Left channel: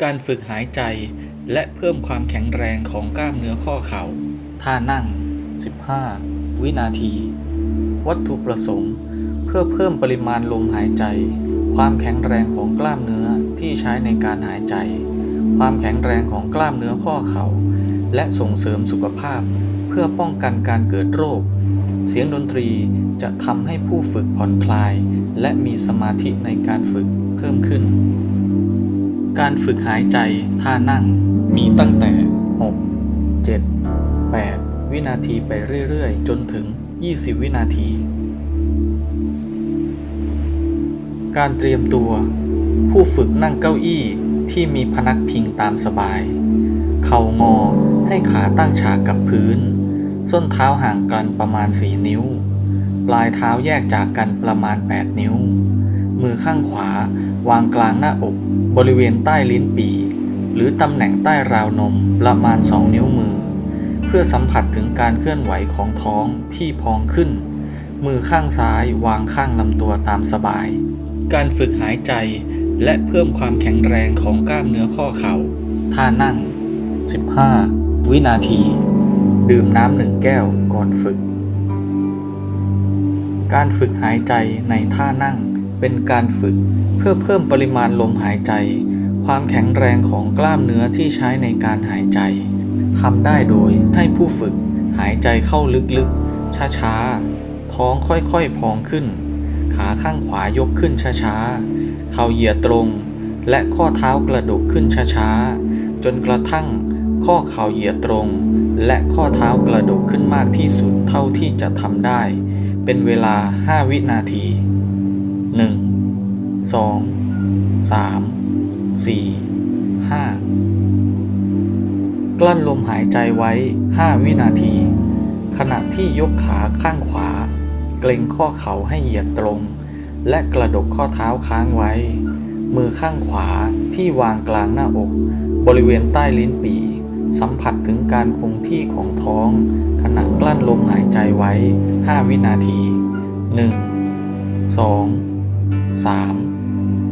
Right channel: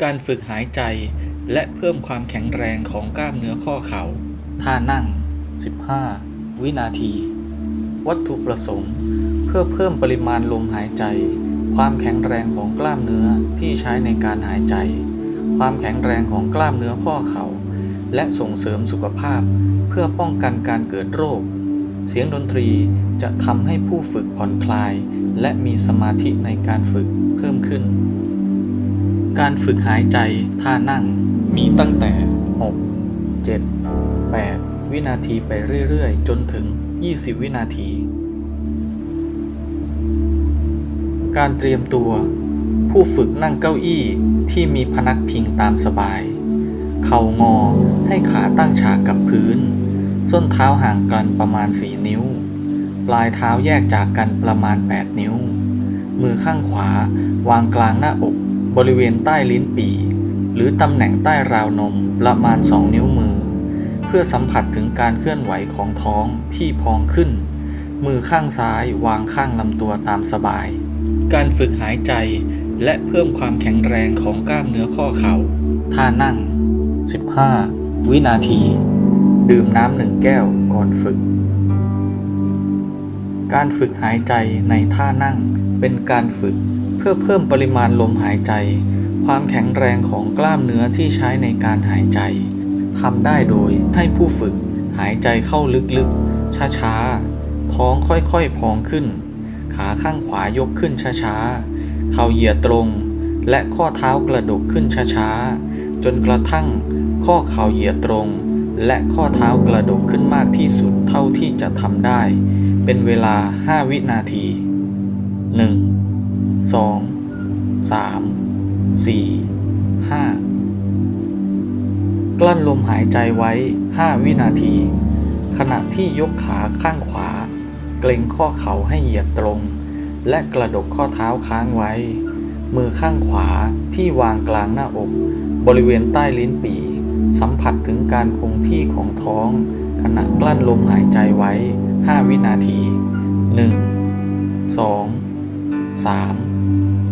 การฝึกหายใจและเพิ่มความแข็งแรงของกล้ามเนื้อข้อเข่า ท่านั่ง 15 วินาที วัตถุประสงค์ เพื่อเพิ่มปริมาณลมหายใจ ความแข็งแรงของกล้ามเนื้อที่ใช้ในการหายใจ ความแข็งแรงของกล้ามเนื้อข้อเข่า และส่งเสริมสุขภาพ เพื่อป้องกันการเกิดโรค เสียงดนตรีจะทำให้ผู้ฝึกผ่อนคลาย และมีสมาธิในการฝึกเพิ่มขึ้น การฝึกหายใจท่านั่ง มีตั้งแต่ 6 7 8 วินาทีไปเรื่อยๆ จนถึง 20 วินาที การเตรียมตัว ผู้ฝึกนั่งเก้าอี้ที่มีพนักพิงตามสบาย เข่างอให้ขาตั้งฉากกับพื้น ส้นเท้าห่างกันประมาณ 4 นิ้ว ปลายเท้าแยกจากกันประมาณ 8 นิ้ว มือข้างขวาวางกลางหน้าอก บริเวณใต้ลิ้นปี่หรือตำแหน่งใต้ราวนมประมาณ 2 นิ้วมือ เพื่อสัมผัสถึงการเคลื่อนไหวของท้องที่พองขึ้น มือข้างซ้ายวางข้างลำตัวตามสบาย การฝึกหายใจและเพิ่มความแข็งแรงของกล้ามเนื้อข้อเข่า ท่านั่ง 15 วินาที ดื่มน้ำหนึ่งแก้วก่อนฝึก การฝึกหายใจในท่านั่งเป็นการฝึก พื่อเพิ่มปริมาณลมหายใจ ความแข็งแรงของกล้ามเนื้อที่ใช้ในการหายใจทำได้โดยให้ผู้ฝึกหายใจเข้าลึกๆ ช้าๆ ท้องค่อยๆ พองขึ้น ขาข้างขวายกขึ้นช้าๆ เข่าเหยียดตรง และข้อเท้ากระดกขึ้นช้าๆ จนกระทั่งข้อเข่าเหยียดตรง และข้อเท้ากระดกขึ้นมากที่สุดเท่าที่จะทำได้ เป็นเวลา 5 วินาที 1 2 3 4 5กลั้นลมหายใจไว้ 5 วินาที ขณะที่ยกขาข้างขวา เกรงข้อเข่าให้เหยียดตรง และกระดกข้อเท้าค้างไว้ มือข้างขวาที่วางกลางหน้าอก บริเวณใต้ลิ้นปี่สัมผัสถึงการคงที่ของท้อง ขณะกลั้นลมหายใจไว้ 5 วินาที 1 2 3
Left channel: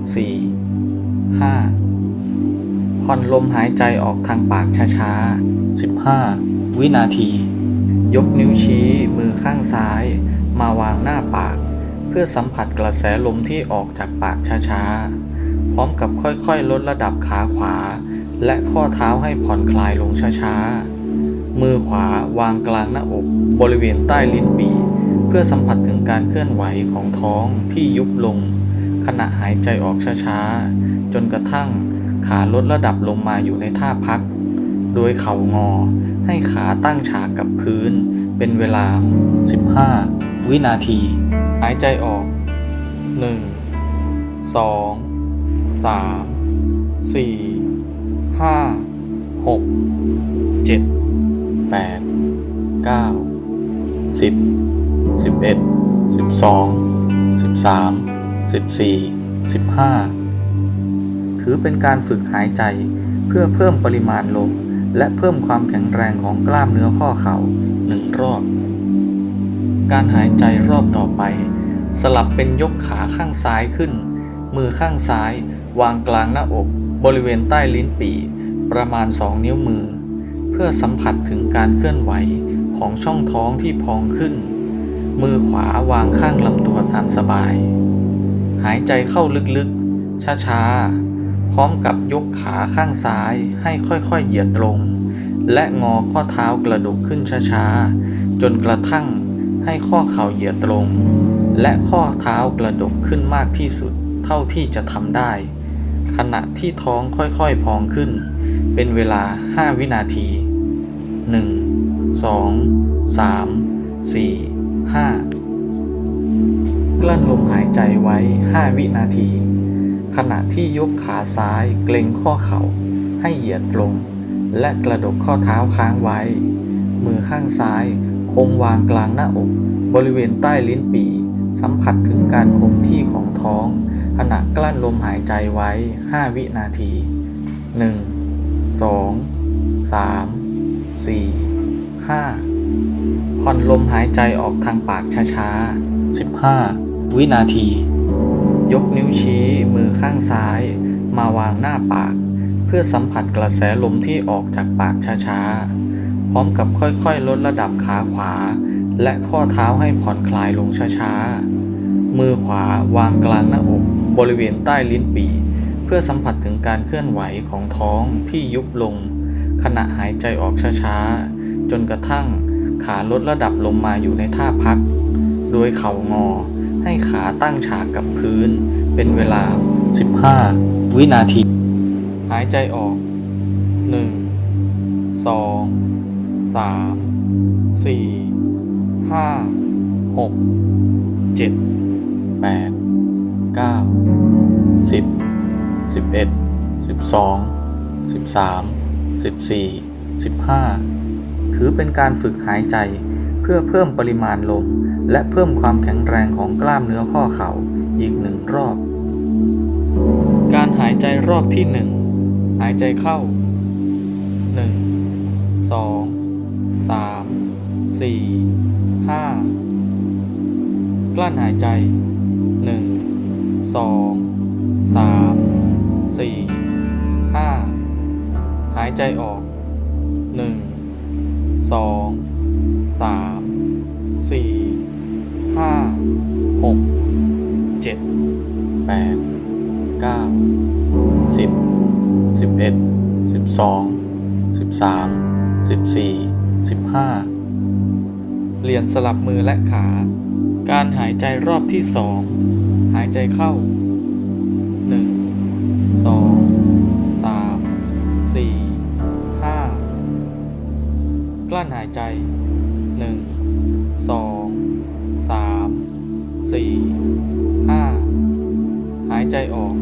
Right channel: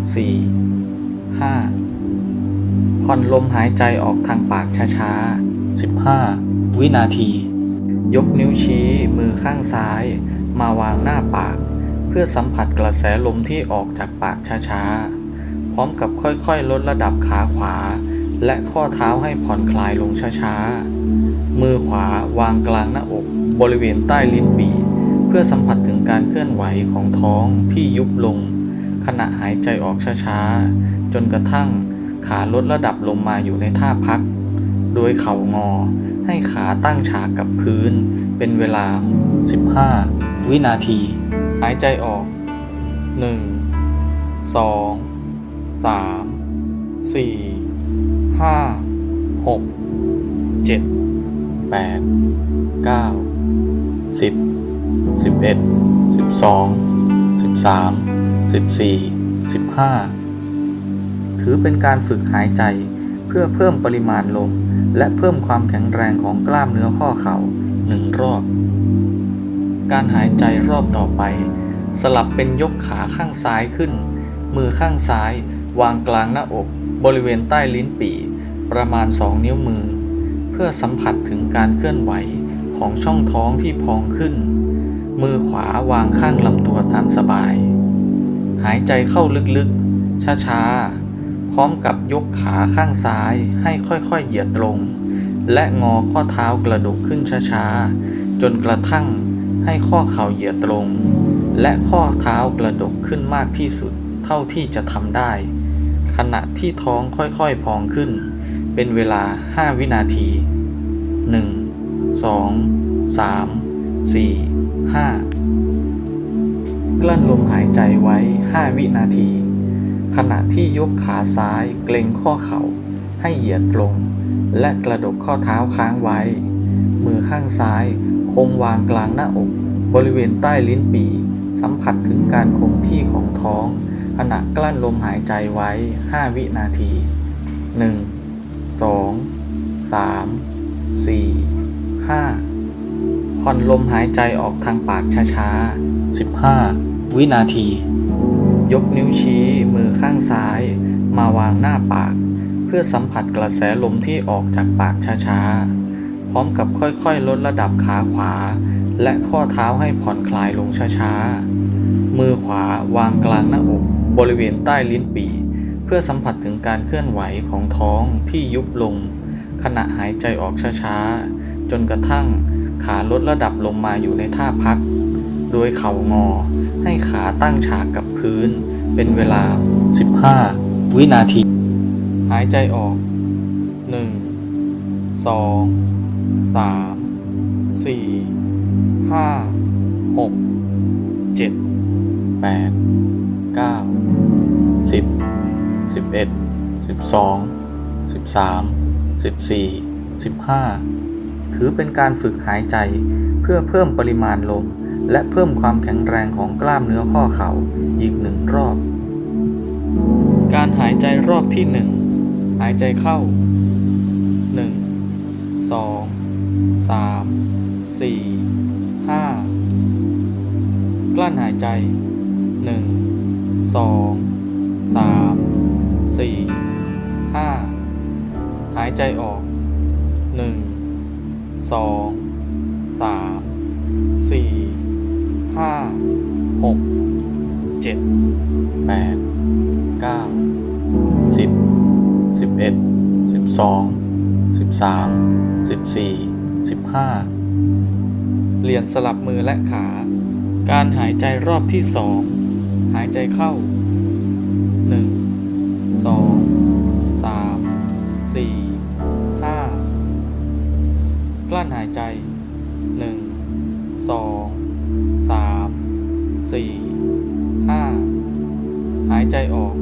4 5 ผ่อนลมหายใจออกทางปากช้าๆ 15 วินาที ยกนิ้วชี้มือข้างซ้าย มาวางหน้าปาก เพื่อสัมผัสกระแสลมที่ออกจากปากช้าๆ พร้อมกับค่อยๆ ลดระดับขาขวา และข้อเท้าให้ผ่อนคลายลงช้าๆ มือขวาวางกลางหน้าอกบริเวณใต้ลิ้นปี่เพื่อสัมผัสถึงการเคลื่อนไหวของท้องที่ยุบลง ขณะหายใจออกช้าๆ จนกระทั่งขาลดระดับลงมาอยู่ในท่าพัก โดยเข่างอให้ขาตั้งฉากกับพื้น เป็นเวลา 15 วินาที หายใจออก 1 2 3 4 5 6 7 8 9 10 11 12 13 14 15 ถือเป็นการฝึกหายใจเพื่อเพิ่มปริมาณลม และเพิ่มความแข็งแรงของกล้ามเนื้อข้อเข่าหนึ่งรอบ การหายใจรอบต่อไป สลับเป็นยกขาข้างซ้ายขึ้น มือข้างซ้าย วางกลางหน้าอก บริเวณใต้ลิ้นปี่ประมาณ 2 นิ้วมือ เพื่อสัมผัสถึงการเคลื่อนไหวของช่องท้องที่พองขึ้น มือขวาวางข้างลำตัวตามสบาย หายใจเข้าลึกๆ ช้าๆ พร้อมกับยกขาข้างซ้ายให้ค่อยๆ เหยียดตรง และงอข้อเท้ากระดกขึ้นช้าๆ จนกระทั่งให้ข้อเข่าเหยียดตรง และข้อเท้ากระดกขึ้นมากที่สุดเท่าที่จะทำได้ ขณะที่ท้องค่อยๆ พองขึ้น เป็นเวลา 5 วินาที 1 2 3 4 5 กลั้นลมหายใจไว้ 5 วินาที ขณะที่ยกขาซ้ายเกรงข้อเข่า ให้เหยียดตรง และกระดกข้อเท้าค้างไว้ มือข้างซ้ายคงวางกลางหน้าอก บริเวณใต้ลิ้นปี่สัมผัสถึงการคงที่ของท้อง ขณะกลั้นลมหายใจไว้ 5 วินาที 1 2 3 4 5ผ่อนลมหายใจออกทางปากช้าๆ 15 วินาที ยกนิ้วชี้มือข้างซ้าย มาวางหน้าปาก เพื่อสัมผัสกระแสลมที่ออกจากปากช้าๆ พร้อมกับค่อยๆ ลดระดับขาขวา และข้อเท้าให้ผ่อนคลายลงช้าๆ มือขวาวางกลางหน้าอกบริเวณใต้ลิ้นปี่ เพื่อสัมผัสถึงการเคลื่อนไหวของท้องที่ยุบลง ขณะหายใจออกช้าๆ จนกระทั่งขาลดระดับลงมาอยู่ในท่าพัก โดยเข่างอ ให้ขาตั้งฉากกับพื้น เป็นเวลา 15 วินาที หายใจออก 1 2 3 4 5 6 7 8 9 10 11 12 13 14 15 ถือเป็นการฝึกหายใจเพื่อเพิ่มปริมาณลม และเพิ่มความแข็งแรงของกล้ามเนื้อข้อเข่าอีกหนึ่งรอบ การหายใจรอบที่หนึ่งหายใจเข้า 1 2 3 4 5 กลั้นหายใจ 1 2 3 4 5 หายใจออก 1 2 3 4 5 6 7 8 9 10 11 12 13 14 15เปลี่ยนสลับมือและขา การหายใจรอบที่สองหายใจเข้า1 2 3 4 5กลั้นหายใจ1 2 3 4 5 หายใจออก 1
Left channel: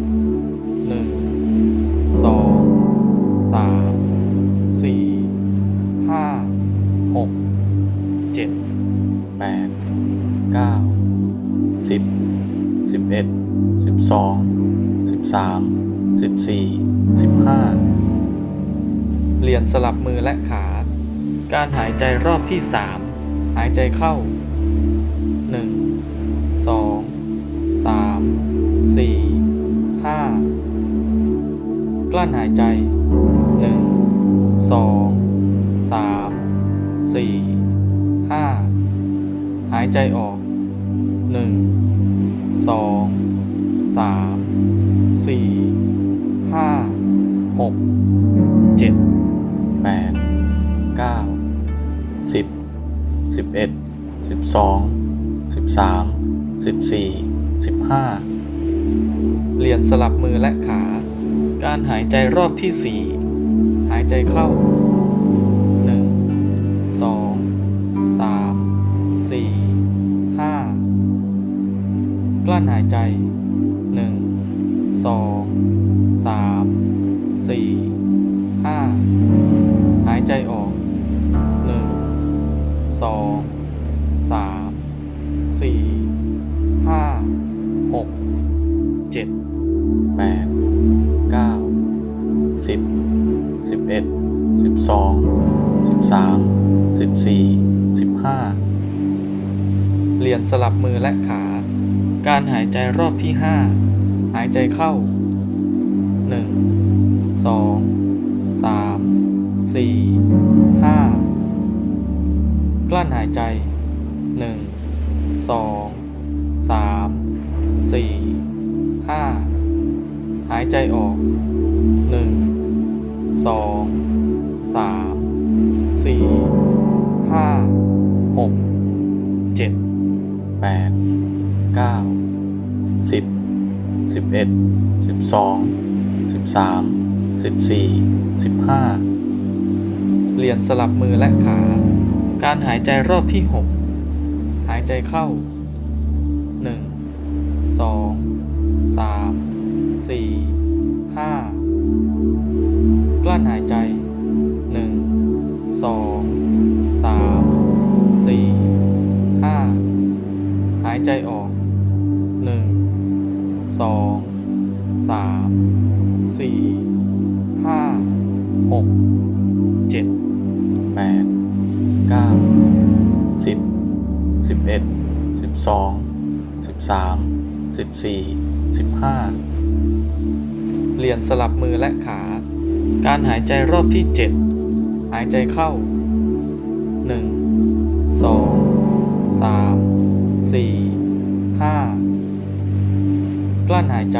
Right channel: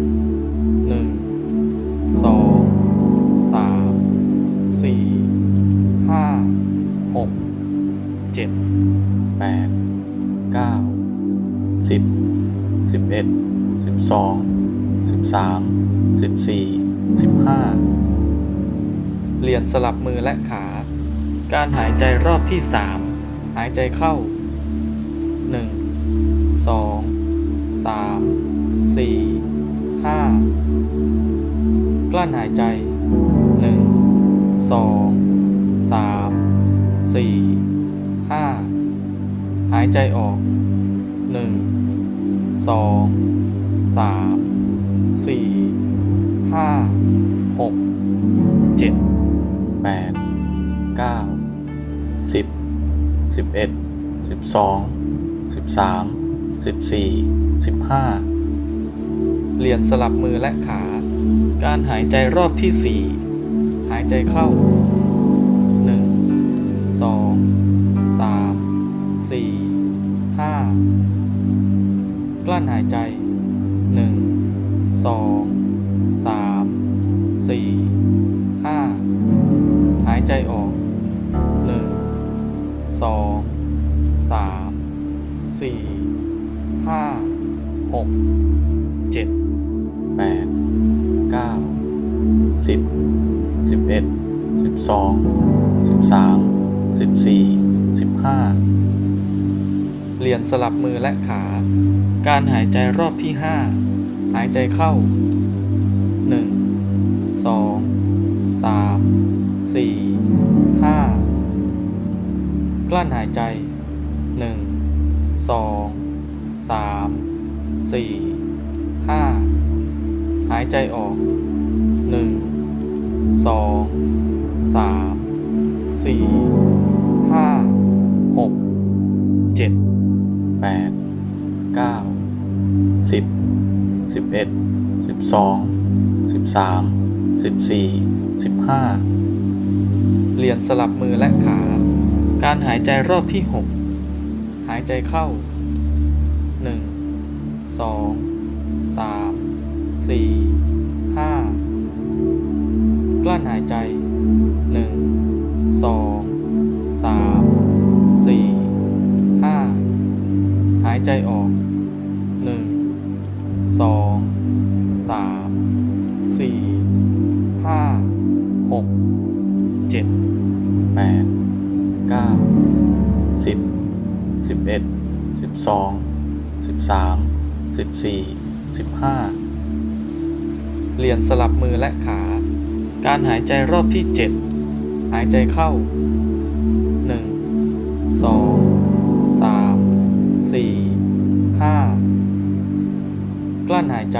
2 3 4 5 6 7 8 9 10 11 12 13 14 15เปลี่ยนสลับมือและขา การหายใจรอบที่ 3 หายใจเข้า 1 2 3 4 5กลั้นหายใจ1 2 3 4 5หายใจออก1 2 3 4 5 6 7 8 9 10 11 12 13 14 15 เปลี่ยนสลับมือและขา การหายใจรอบที่ 4 หายใจเข้า 1 2 3 4 5 กลั้นหายใจ 1 2 3 4 5 หายใจออก 1 2 3 4 5 6 7 8 9 10 11 12 13 14 15เปลี่ยนสลับมือและขา การหายใจรอบที่5หายใจเข้า1 2 3 4 5กลั้นหายใจ 1 2 3 4 5หายใจออก1 2 3 4 5 6 7 8 9 10 11 12 13 14 15เปลี่ยนสลับมือและขา การหายใจรอบที่6 หายใจเข้า 1 2 3 4 5 กลั้นหายใจ 1 2 3 4 5 หายใจออก 1 2 3 4 5 6 7 8 9 10 11 12 13 14 15เปลี่ยนสลับมือและขา การหายใจรอบที่7หายใจเข้า1 2 3 4 5กลั้นหายใจ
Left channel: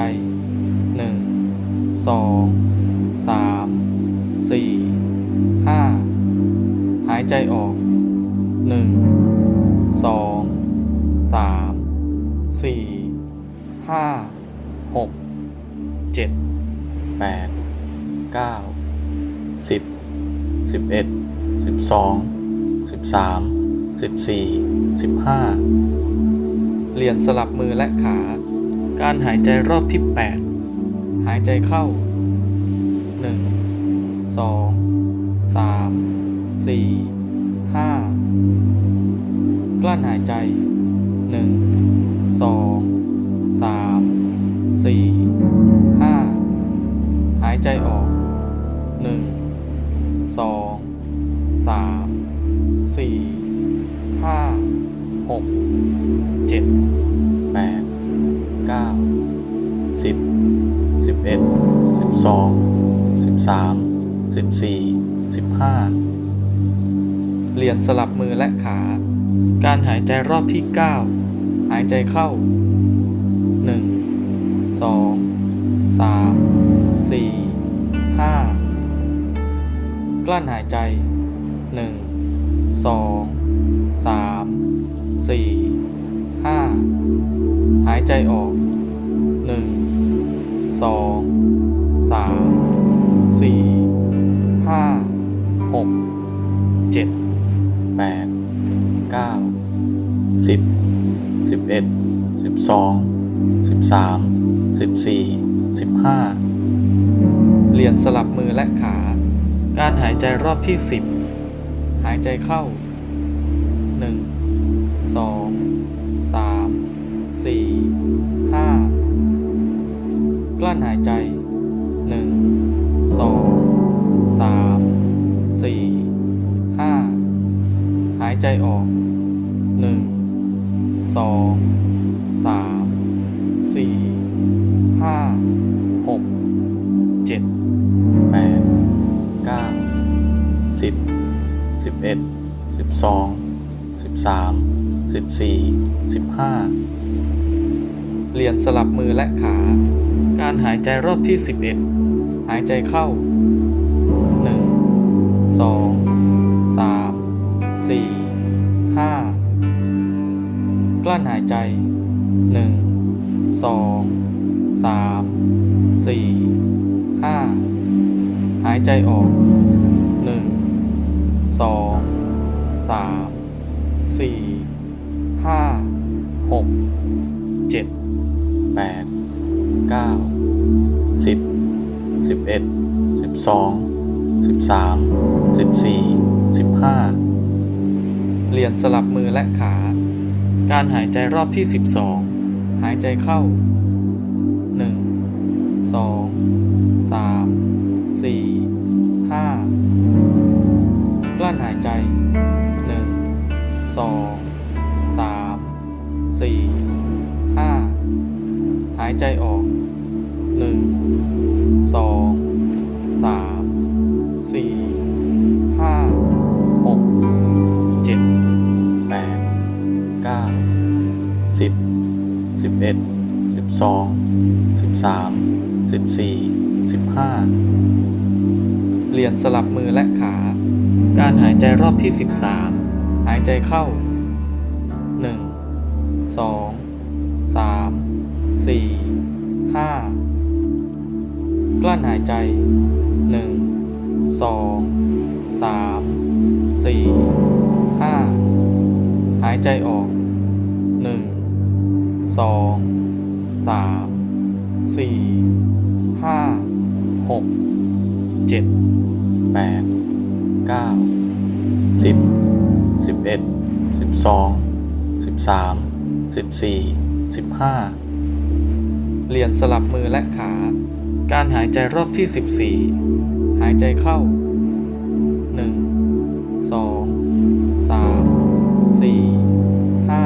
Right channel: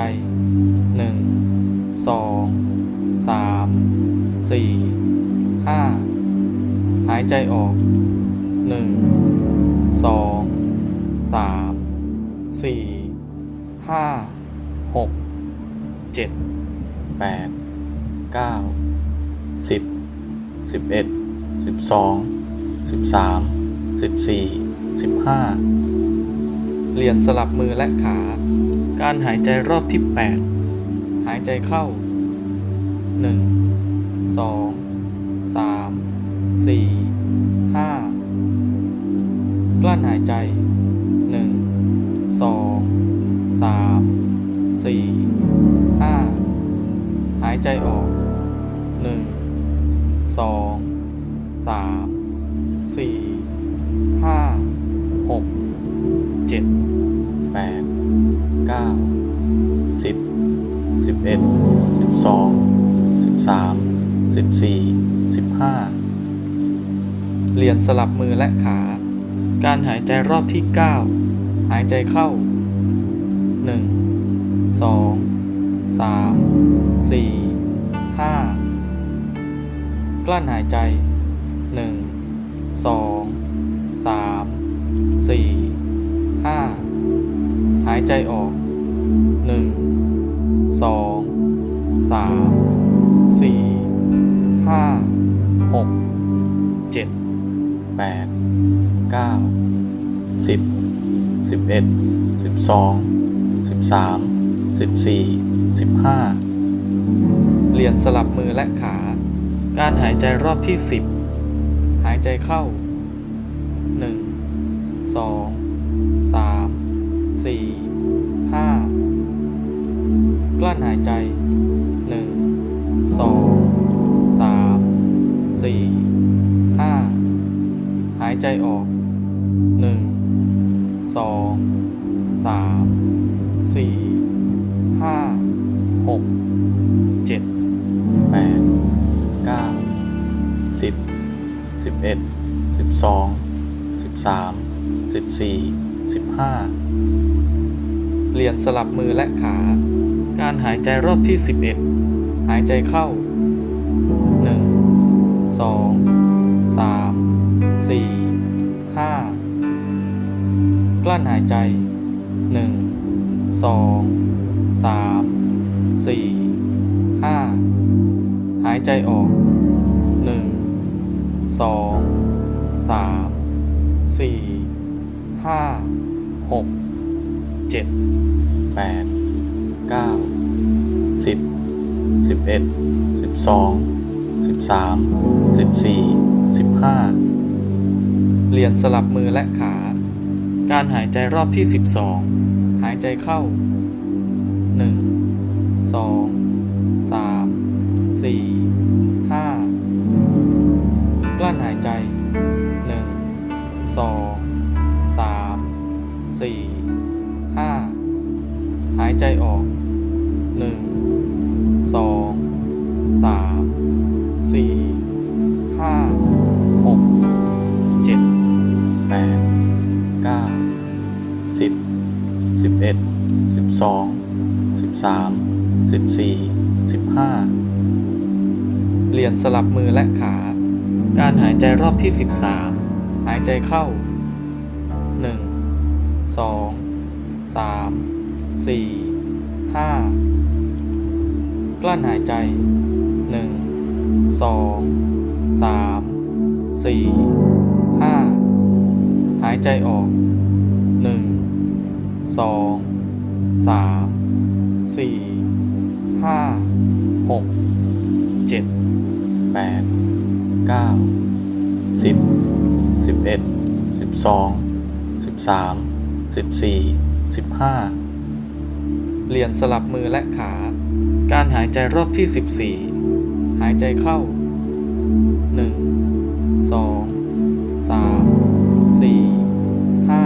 1 2 3 4 5หายใจออก 1 2 3 4 5 6 7 8 9 10 11 12 13 14 15เปลี่ยนสลับมือและขา การหายใจรอบที่8หายใจเข้า1 2 3 4 5 กลั้นหายใจ 1 2 3 4 5 หายใจออก 1 2 3 4 5 6 7 8 9 10 11 12 13 14 15เปลี่ยนสลับมือและขา การหายใจรอบที่ 9 หายใจเข้า 1 2 3 4 5 กลั้นหายใจ 1 2 3 4 5 หายใจออก 1 2 3 4 5 6 7 8 9 10 11 12 13 14 15เปลี่ยนสลับมือและขา การหายใจรอบที่10หายใจเข้า1 2 3 4 5กลั้นหายใจ1 2 3 4 5หายใจออก หนึ่งสองสามสี่ห้าหกเจ็ดแปดเก้าสิบสิบเอ็ดสิบสองสิบสามสิบสี่สิบห้าเปลี่ยนสลับมือและขา การหายใจรอบที่สิบเอ็ดหายใจเข้าหนึ่งสองสามสี่ห้า กลั้นหายใจ 1 2 3 4 5 หายใจออก 1 2 3 4 5 6 7 8 9 10 11 12 13 14 15เปลี่ยนสลับมือและขา การหายใจรอบที่ 12 หายใจเข้า 1 2 3 4 5 กลั้นหายใจ 1 2 3 4 5 หายใจออก 1 2 3 4 5 6 7 8 9 10 11 12 13 14 15เปลี่ยนสลับมือและขา การหายใจรอบที่13หายใจเข้า1 2 3 4 5กลั้นหายใจ1 2 3 4 5หายใจออก1 2 3 4 5 6 7 8 9 10 11 12 13 14 15เปลี่ยนสลับมือและขา การหายใจรอบที่14หายใจเข้า1 2 3 4 5กลั้นหายใจ1 2 3 4 5ายใจออกหนึ่งสองสามสี่ห้า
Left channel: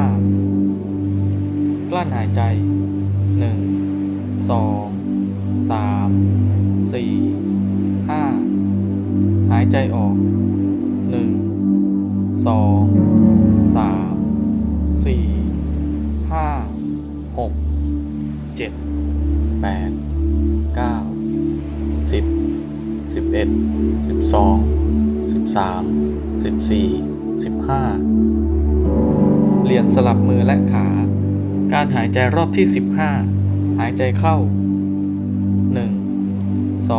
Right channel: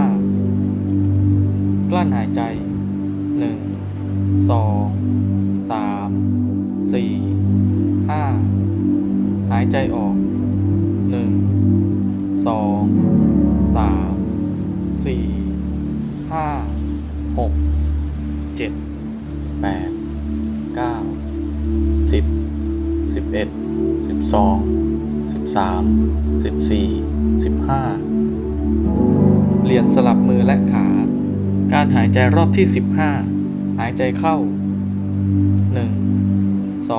หกเจ็ดแปดเก้าสิบสิบเอ็ดสิบสองสิบสามสิบสี่สิบห้าเปลี่ยนสลับมือและขา การหายใจรอบที่ 15 หายใจเข้า 1 2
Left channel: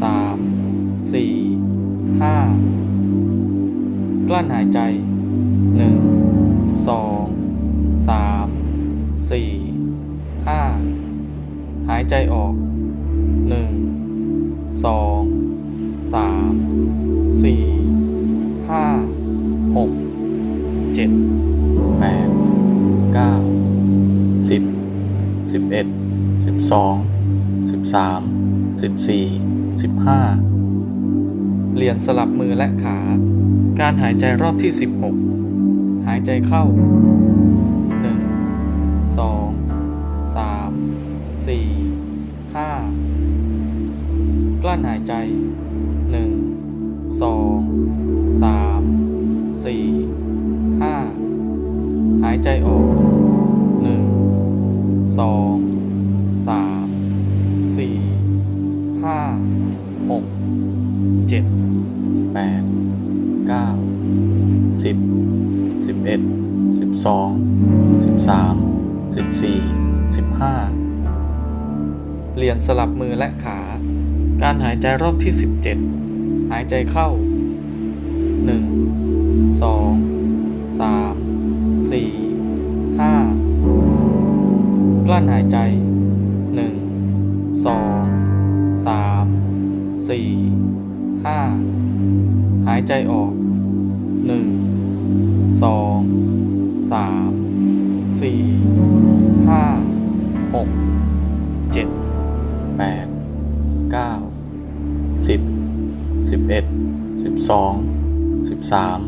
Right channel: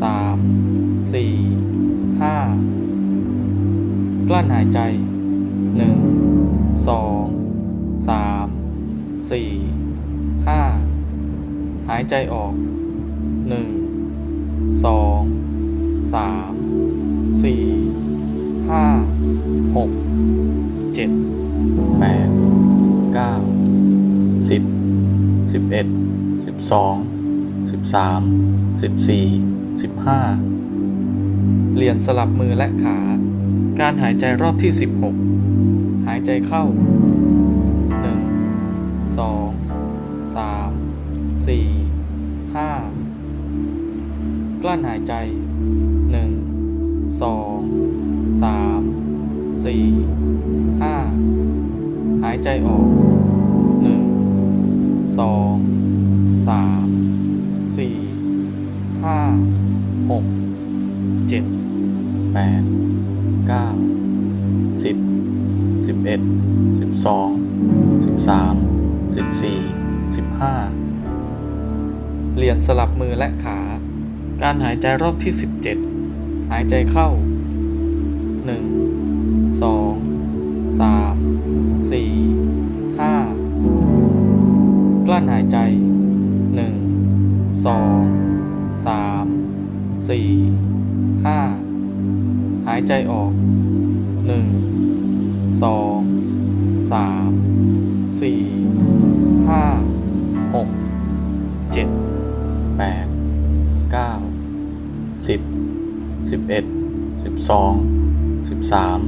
3 4 5 กลั้นหายใจ 1 2 3 4 5 หายใจออก 1 2 3 4 5 6 7 8เก้า สิบสิบเอ็ดสิบสองสิบสามสิบสี่สิบห้าเปลี่ยนสลับมือและขา การหายใจรอบที่สิบหกหายใจเข้าหนึ่งสองสามสี่ห้ากลั้นหายใจหนึ่งสองสามสี่ห้าหายใจออก สองสามสี่ห้าหกเจ็ดแปดเก้าสิบสิบเอ็ดสิบสองสิบสามสิบสี่สิบห้าเปลี่ยนสลับมือและขา การหายใจรอบที่สิบเจ็ดหายใจเข้าหนึ่งสองสามสี่ห้า กลั้นหายใจหนึ่งสองสามสี่ห้าหายใจออกหนึ่งสองสามสี่ห้าหกเจ็ดแปดเก้าสิบสิบเอ็ดสิบสองสิบสาม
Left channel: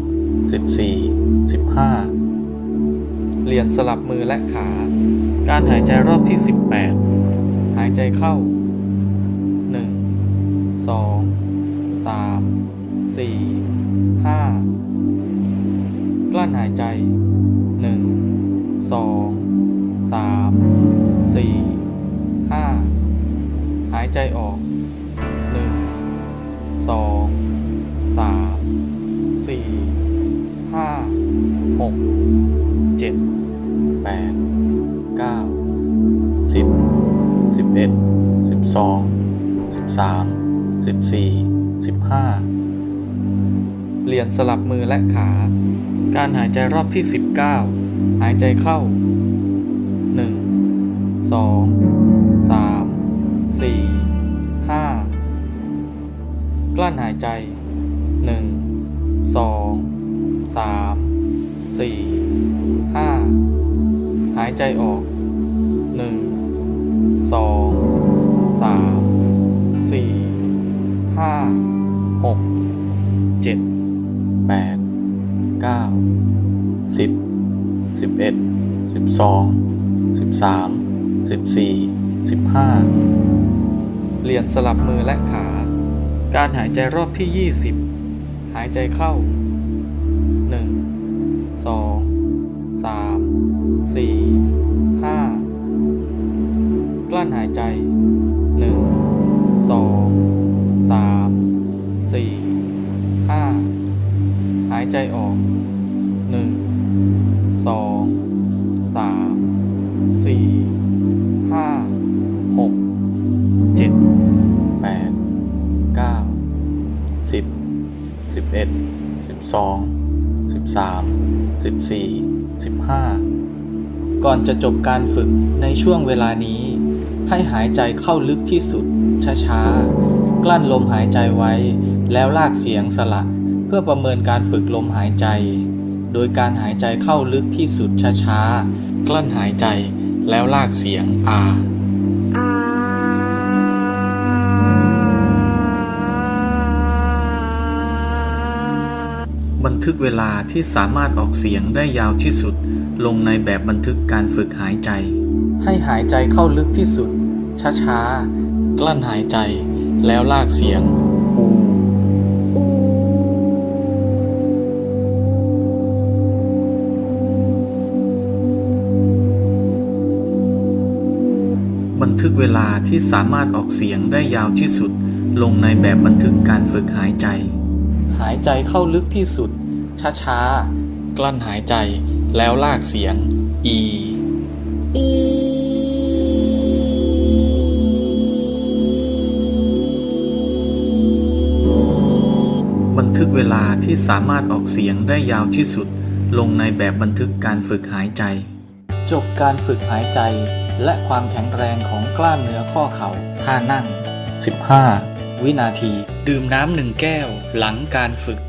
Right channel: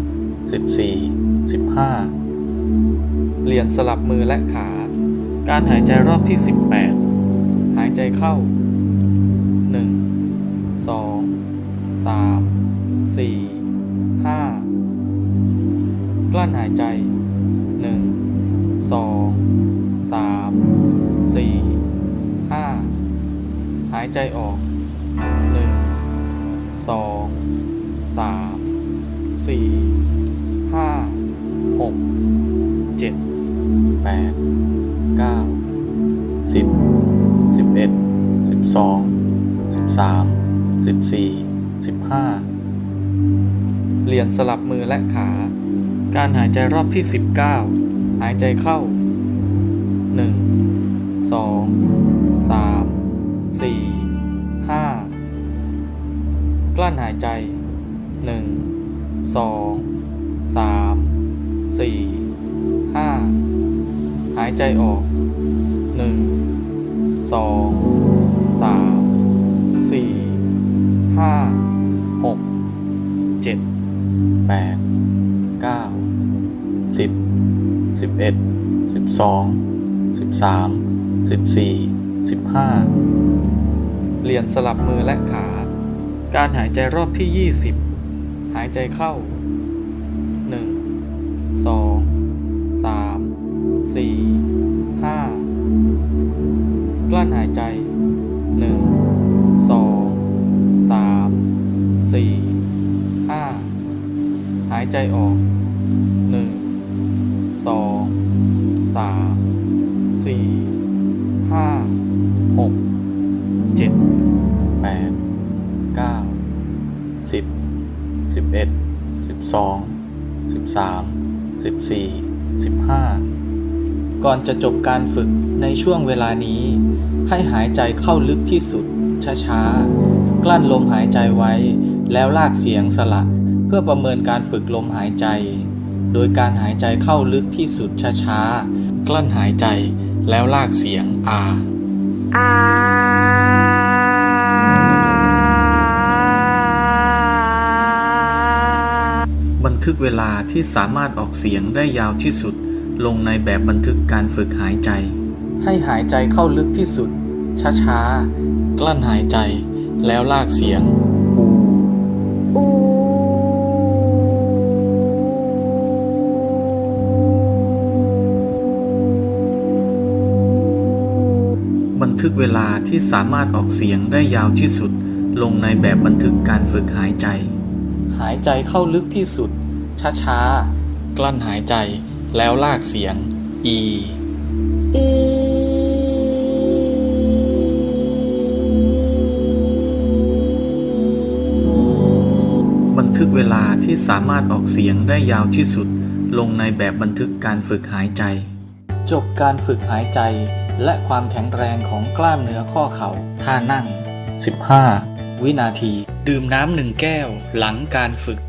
สิบสี่สิบห้าเปลี่ยนสลับมือและขา การหายใจรอบที่ 18 หายใจเข้า 1 2 3 4 5 กลั้นหายใจ 1 2 3 4 5 หายใจออก 1 2 3 4 5 6 7 8 9 10 11 12 13 14 15เปลี่ยนสลับมือและขา การหายใจรอบที่19หายใจเข้า1 2 3 4 5กลั้นหายใจ1 2 3 4 5หายใจออก 1 2 3 4 5 6 7 8 9 10 11 12 13 14 15เปลี่ยนสลับมือและขา การหายใจรอบที่20หายใจเข้า1 2 3 4 5ก ลั้นหายใจ 1 2 3 4 5 หายใจออก 1 2 3 4 5 6 7 8 9 10 11 12 13 14 15ก่อนจะจบการฝึกในช่วงเวลานี้ ให้หายใจเข้าลึกที่สุด ช้าๆ กลั้นลมหายใจไว้ แล้วลากเสียงสละเพื่อประเมินการฝึกลมหายใจ โดยการหายใจเข้าลึกที่สุดช้าๆ กลั้นหายใจแล้วลากเสียงอาบันทึกเวลาที่สามารถออกเสียงได้ยาวที่สุด ลงในแบบบันทึกการฝึกหายใจ ให้หายใจเข้าลึกที่สุด ช้าๆ กลั้นหายใจ แล้วลากเสียง อู บันทึกเวลาที่สามารถออกเสียงได้ยาวที่สุด ลงในแบบบันทึกการฝึกหายใจ หายใจเข้าลึกที่สุด ช้าๆ กลั้นหายใจ แล้วลากเสียง อี ทึกเวลาที่สามารถออกเสียงได้ยาวที่สุด ลงในแบบบันทึกการฝึกหายใจ จบการฝึกหายใจ และความแข็งแรงของกล้ามเนื้อข้อเข่าท่านั่ง 15 วินาที ดื่มน้ำหนึ่งแก้วหลังการฝึก